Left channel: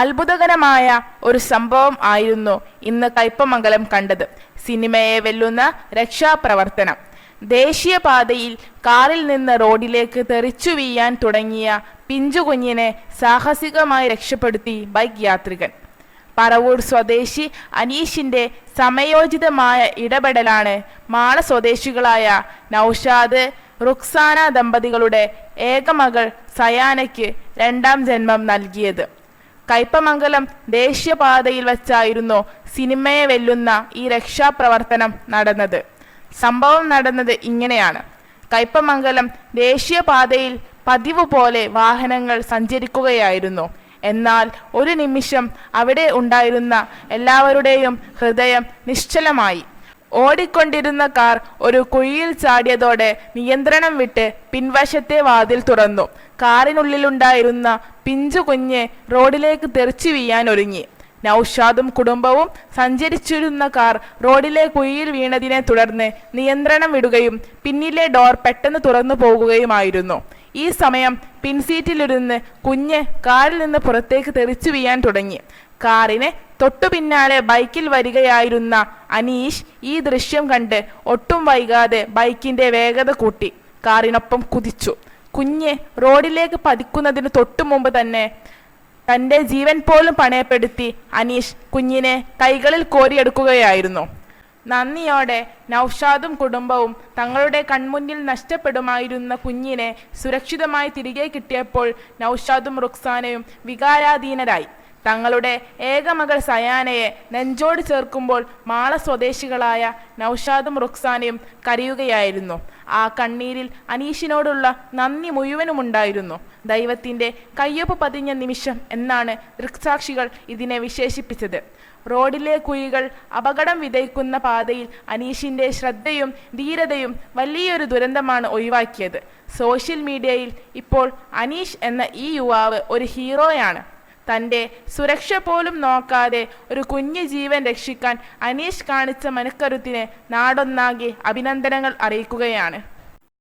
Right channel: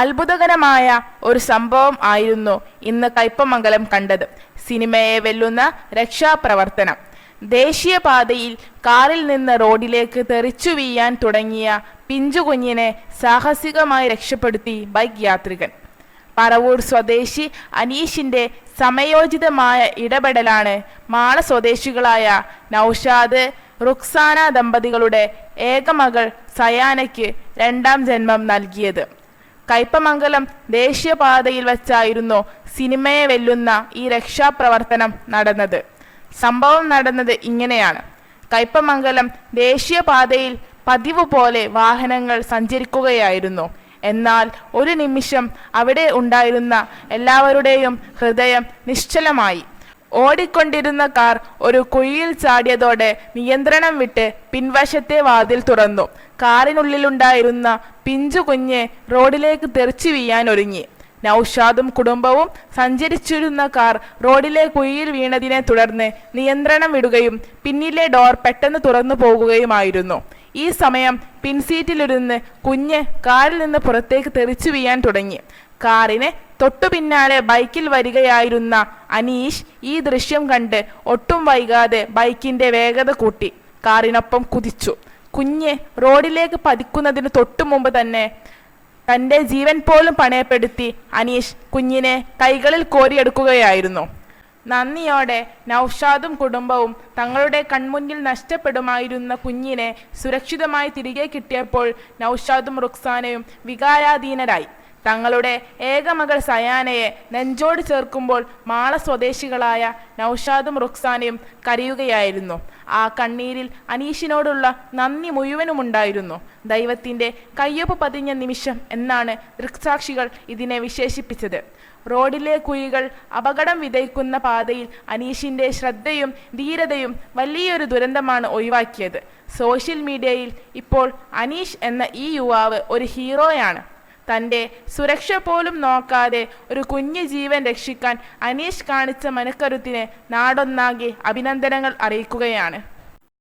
അത്ഭുതകരമായ ഒരു സംഭവം ആയിരുന്നു ഇന്ന് കയ്പമംഗലം കണ്ടത്. സിനിമയെ വെല്ലുന്ന രക്ഷാപ്രവർത്തനം. ദേശീയപാതയിൽ കാറിൽ നിന്ന് റോഡിലേക്ക് തെറിച്ചു വീഴാൻ തുടങ്ങിയ പിഞ്ചുകുഞ്ഞിനെ സാഹസികമായി രക്ഷപ്പെടുത്തി ബൈക്ക് യാത്രികൻ. പറവൂർ സ്വദേശി അനീഷിന്റെ സമയോചിതമായ ഇടപെടലാണ് മാള സ്വദേശികളായ നൌഷാദ് റുക്സാന ദമ്പതികളുടെ ഏകമകൾ സയാനയ്ക്ക് രണ്ടാം ജന്മം നൽകിയത്. കയ്പമംഗലം ദേശീയപാതയിൽ വച്ചായിരുന്നു സിനിമയെ വെല്ലുന്ന ഈ രക്ഷാപ്രവർത്തനം നടന്നത്. സംഭവം നടന്നത് ഇങ്ങനെയാണ്. കയ്പമംഗലം ദേശീയപാതയിൽ പതിവ് പോലെ വാഹനങ്ങൾ സഞ്ചരിക്കുകയായിരുന്നു. എന്നാൽ ഒരു നിമിഷം അവിടെ ഉണ്ടായിരുന്ന എല്ലാവരുടെയും ഹൃദയം നിശ്ചലമായി. ഓടിക്കൊണ്ടിരുന്ന കാർ ഒരു കുഴിയിൽ ചാടിയതോടെ നിയന്ത്രണം വിട്ട് പിൻവശത്തെ വാതിൽ തുറന്നു. കാറിനുള്ളിലുണ്ടായിരുന്ന പിഞ്ചു കുഞ്ഞ് റോഡിലേക്ക് തെറിച്ചു വീഴാൻ ഒരുങ്ങി. നൌഷാദും കുടുംബവും സഞ്ചരിച്ചിരുന്ന കാർ റോഡിലെ കുഴിയിൽ വീണതിനെ തുടർന്ന് നിയന്ത്രണം വിടുകയും പിന്നിലെ ഡോർ പെട്ടെന്ന് തുറന്നു പോകുകയുമായിരുന്നു. ഈ സമയം പിൻസീറ്റിലിരുന്ന് കുഞ്ഞ് കാറിൽ നിന്ന് പുറത്തേക്ക് തെറിച്ചു വീഴാൻ തുടങ്ങി. കാറിന് തൊട്ടു പിന്നാലെ ബൈക്കിൽ വരികയായിരുന്ന അനീഷ് ഈ ദൃശ്യം കണ്ട് ഒട്ടും വൈകാതെ ബൈക്കിന്റെ വേഗത കൂട്ടി കാറിനൊപ്പം കുതിച്ചു. കുഞ്ഞ് റോഡിലേക്ക് പതിക്കുന്നതിന് തൊട്ടു മുമ്പ് തന്നെ തന്റെ ജീവൻ പോലും പണയപ്പെടുത്തി അനീഷ് കുഞ്ഞിനെ കൈകളിൽ കോരിയെടുക്കുകയായിരുന്നു. നന്ദിയോടെ നൌഷാദും കുടുംബവും തങ്ങളുടെ കൺമുന്നിൽ നഷ്ടപ്പെടുമായിരുന്ന കുഞ്ഞിനെ സുരക്ഷിതമായി തിരികെ കിട്ടിയപ്പോൾ നൌഷാദും റുക്സാനയും വികാരാധീനരായി. തങ്ങളുടെ ഏകമകൾ സയാനയെ നെഞ്ചോട് ചേർക്കുമ്പോൾ മാള സ്വദേശികളായ നൌഷാദും റുക്സാനയും കരയുകയായിരുന്നു. ആ കണ്ണീരിൽ അനീഷിനോടുള്ള നന്ദി മുഴുവനുമുണ്ടായിരുന്നു. ദൈവത്തിന്റെ കയ്യൊപ്പ് പതിഞ്ഞ നിമിഷം എന്നാണ് ദൃക്സാക്ഷികൾ ഇതിനെ വിശേഷിപ്പിച്ചത്. റോഡിലെ കുഴികൾ അപകടം വിതയ്ക്കുന്ന പാതയിൽ അനീഷിന്റെ ശ്രദ്ധയും ധീരതയും വലിയൊരു ദുരന്തമാണ് ഒഴിവാക്കിയത്. സോഷ്യൽ മീഡിയയിൽ ഇപ്പോൾ അനീഷ് എന്ന ഈ യുവാവ് ഒരു ഹീറോയാണ്. തൻ്റെ സുരക്ഷ പോലും നോക്കാതെ ഒരു കുഞ്ഞു ജീവൻ രക്ഷിക്കാൻ അനീഷ് കാണിച്ച മനക്കരുത്തിന് നാടൊന്നാകെ അഭിനന്ദനങ്ങൾ അറിയിക്കുകയാണ്.